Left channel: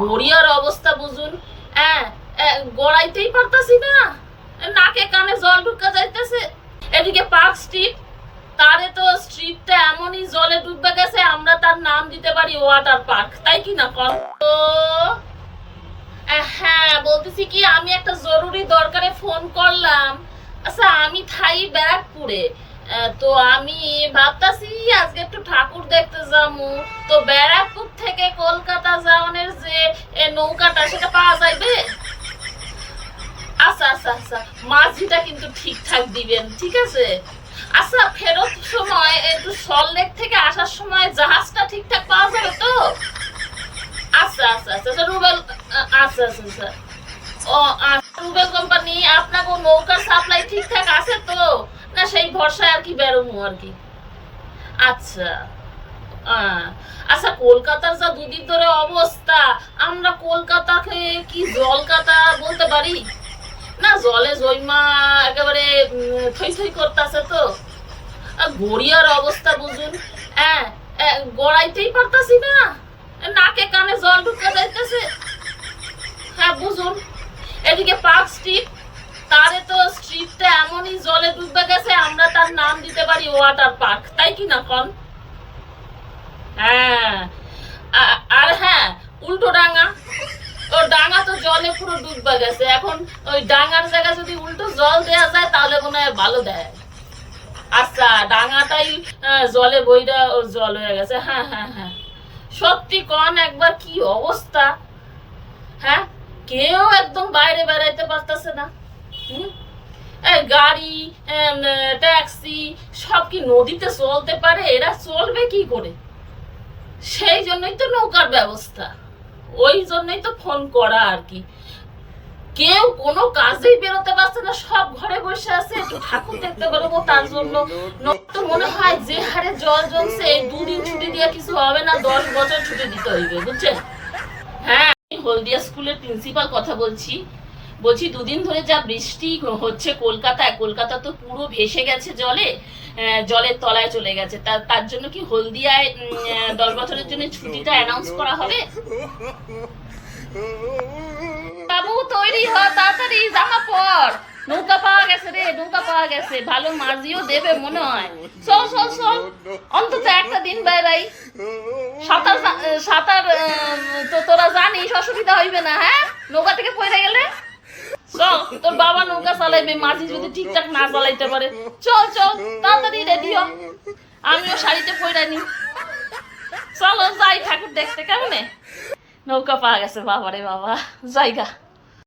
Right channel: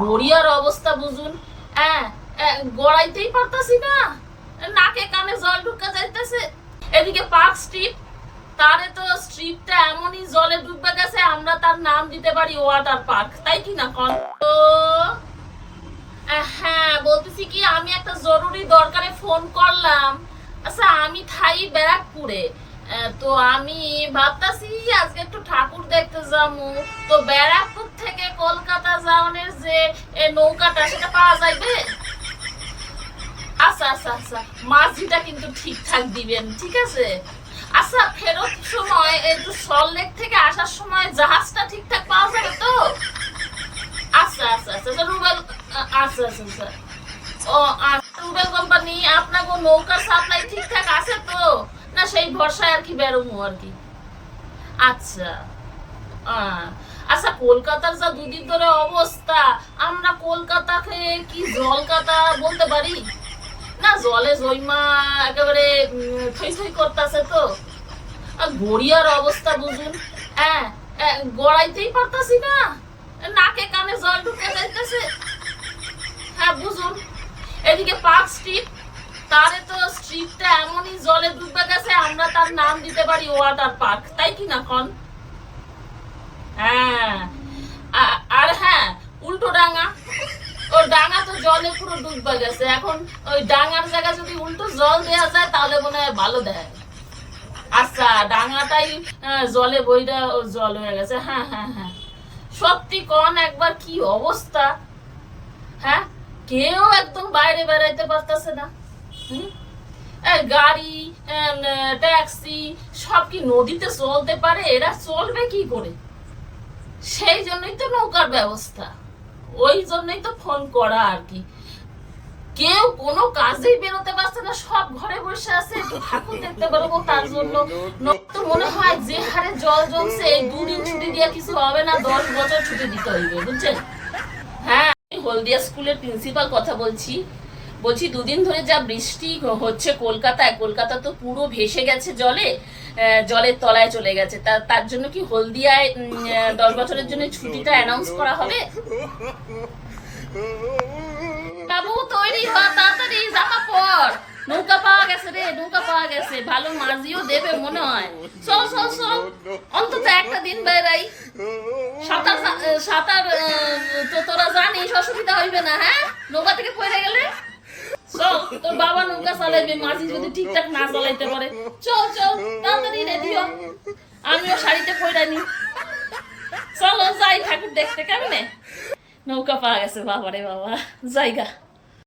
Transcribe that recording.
গড়িয়ার অবস্থা বুঝুন। হ্যাঁ, গড়াইতেই পারতাছি না, নাকে কানে জল ঢুকা যাইতেছে। এদিকে পার্ক স্ট্রিট, তারে তো স্ট্রিটটা এমনই জলে ডুবে গেছে, আমরা তার নাম দিতে পারি ওয়াটার পার্ক, তাই কি না কন? তো হ্যাঁ, বলতেছি কি, আমি একটা জরুরি দরকারে ফোন করলাম। আচ্ছা, আমি থাই ব্যারাকপুরে। তো আমি ভাবতাছি আজকে একটু ঠাকুর দেখতে যাবো। তো ব্যারাকপুর থেকে কলকাতা যাওয়ার যে নৌকাটা, সেটা পাওয়া যাইবে? আচ্ছা আচ্ছা আচ্ছা, মাঝিটা কিন্তু ঠিকঠাক দিবেন, ঠিক আছে? আচ্ছা, ফেরত সময় একটু সল্টলেক থেকে আসার সময় জাহাজটা ঠিকঠাক পাওয়া যাবে তো? আচ্ছা আচ্ছা আচ্ছা রুবেল, আচ্ছা আচ্ছা আচ্ছা। ও আচ্ছা, রুবেল কোম্পানি, আপনাকে নৌকার সাপ্লাই ঠিকঠাক আছে তো? না সেই ভরসায় আর কি বেরোবো আর কি। আচ্ছা আচ্ছা, কলকাতার যা দুদিন ধরে অবস্থা, আমরা কলকাতাকে কি জলকাতা বলতে পারি? না, জলে জৈমা একেবারে থই থই করতেছে তো। গড়িয়ার অবস্থা বুঝুন। হ্যাঁ, গড়াইতেই পারতাছি না, নাকে কানে জল ঢুকে যাইতেছে। হ্যাঁ বুঝুন। এদিকে পার্ক স্ট্রিট, তারে তো স্ট্রিটটা এমনই জলে ডুবে গেছে, আমরা তার নাম দিতে পারি ওয়াটার পার্ক, তাই কি না কন? হ্যাঁ, আর হ্যাঁ, উল্টো ডাঙা, ওর ডাঙা তো জলে পুরো ডুবে গেছে। এখন ওই ডাঙার জায়গায় যদি উল্টো জল দেয়া যায় তাহলে মনে হয় ভালো দেয়। আচ্ছা, ডাঙাটাই জলে বইটা জল হয়ে গেছে। হ্যাঁ হ্যাঁ হ্যাঁ, সত্যি কন একবার কি অবস্থা। হ্যাঁ, কেউ একদম বাইরে বেড়াইতে পারতেছে না। গাড়ি, ট্যাক্সি সব কি নদীতে চলতে পারে? এরা চলবে কি করে? সেই জন্যই তো নৌকার ব্যবস্থা, ওই জন্যই তো ফোন করা আর কি। কেউ কোনো কাজেই বেরোতে পারছে না, সব ঘরে বসে আছে। একটু ঠাকুর দেখতে পারবো তার জন্য তো মনে হয় যে হারে জল জমছে, এই 2 দিন ছুটি দিয়ে কিছু হবে না, 10 বছর ছুটি দিতে হইবে, বুঝছেন? হ্যাঁ, হলদিয়া স্কুলের প্রিন্সিপাল কথা বলছি। 2 দিন ধরে যা বৃষ্টি হচ্ছে কলকাতায়, কলকাতা তো পুরো ভেসে গেছে জলে, জলের তলায় চলে গেছে। তার জন্য কি হলদিয়ায় 10 বছরের জন্য ছুটিটা অ্যানাউন্স করা হবে? বাবু তৈরি হ, তাড়াতাড়ি জামা পর, নৌকা পাওয়া গেছে রে, নৌকা পাওয়া গেছে, ভালো মাঝিও দেবে মনে হয়। চল চল চল, অন্তত একটা দিন বাইরাই। সাঁতার সাঁতার তো তোরা জানিস, অসুবিধা হইবে না। হ্যাঁ, নৌকা থেকে পড়ে গেলে চল, তোর বাবা নৌকা চালাইবে, মাঝি যদি ঠিকঠাক না চালাইতে পারে। চল চল, তাড়াতাড়ি রেডি হ, আমিও শাড়িতে পড়ে নি। চলো যাই ঠাকুর দেখতে। কেমনে নৌকা পাওয়া গেছে, বাবারে বাবা, জায়গা।